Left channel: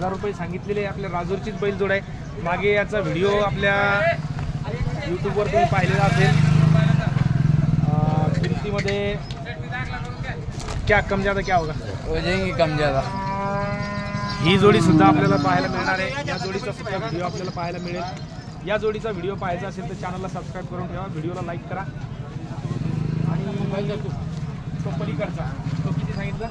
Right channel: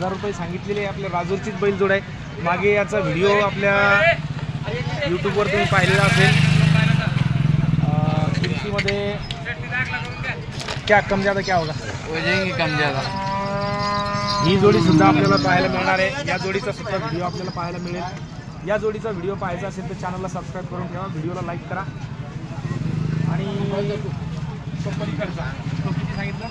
1000 रुपये सांगितलेले. आपल्या राजूरचीच बैलजोड आहे. मागे याचा व्हिडिओ आपल्या यूट्यूबवर तुम्ही पाहिलेला असेल. किमतीमध्ये क्या कम ज़्यादा क्या होगा? हो जाएंगे कम ज़्यादा. ही जोडी सुद्धा आपल्याला पाहायला मिळणार आहे. या जोडीचा सुद्धा व्हिडिओ आपल्याला पाहायला मिळेल. या जोडीचा व्हिडिओ पाहायचा असेल तर चॅनलला सबस्क्राईब करून ठेवा, व्हिडिओला लाईक करा. आणि तो पलीकडचा तो किती सांगितलं?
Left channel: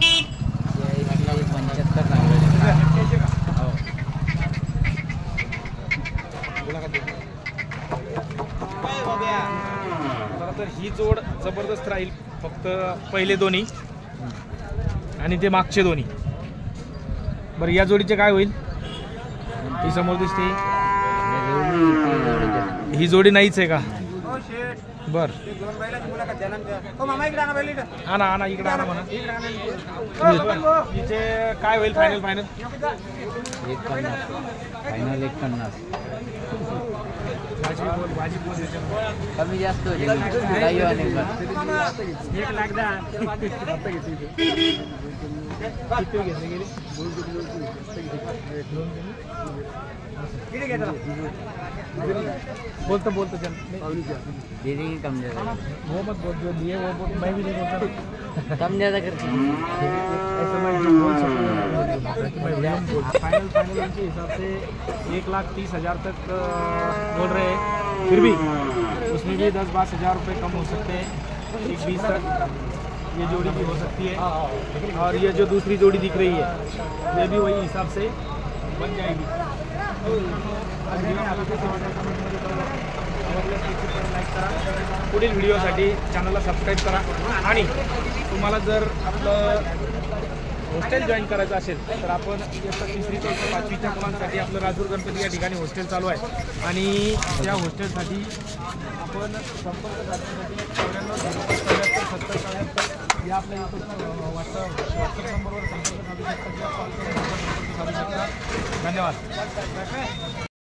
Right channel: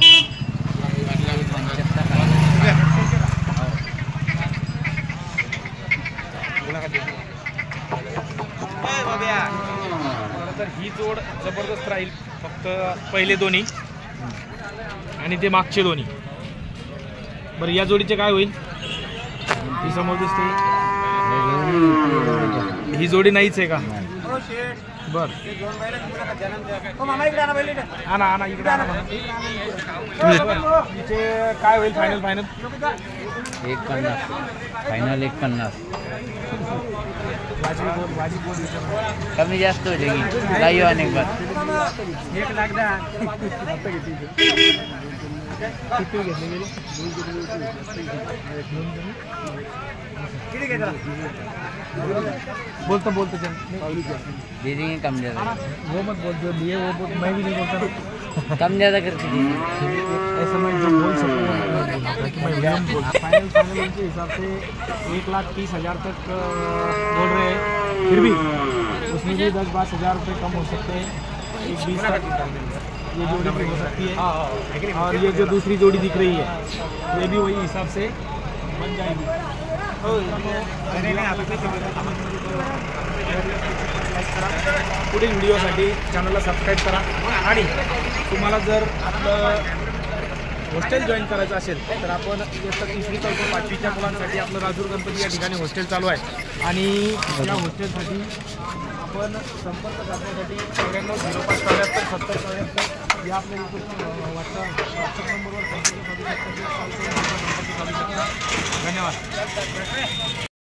तर ही जोड जबरदस्त राहील. फक्त पहिले दोन्ही आणि ते मागचे दोन्ही. बरं या जोडीचे काय होईल? ही समोर दिसते ही जोडी नाहीच आहे का? बर आणा आणा इकडे आणा म्हणा. तिचे काय होईल फायनल? फायनल 150. फायनल 150. कमी जास्त हो जाएगी लाइव आने का. 1,10,000 किती घेतली गेली? बोलते बोलते चल दे देंगे कम ज़्यादा. वो मत बोल, जो लिए वो बोल, मैं भी नहीं बोलता. कम ज़्यादा करके दीजिए. ऐसा मैं जो बोल सकूँ फाइनल के हिसाब से 1,30,000 तक बोल रहे हैं. फिर भी उसमें भी 10-12 रुपये कम हो सकते हैं. 20 तक ये जोड़ी भी हो सकती है. और ये जो दूसरी जोड़ी दिख रही है ये भी वही हिसाब से बन जाएगी. पुढील व्हिडिओसाठी चॅनलला सबस्क्राईब करा. आणि तुम्हाला जर आपलं हॉस्टेल जॉईन करायचं असेल तर आपण इयत्ता 3री, 4थी, 5वीच्या मुलांसाठी आपलं राजूर गणपती या ठिकाणी हॉस्टेल चालू आहे. आणि या हॉस्टेलसाठी आपण संपर्क साधण्यासाठी 94-073-70-74 या आपल्या व्हॉट्सअप नंबरवर संपर्क साधू शकता. धन्यवाद.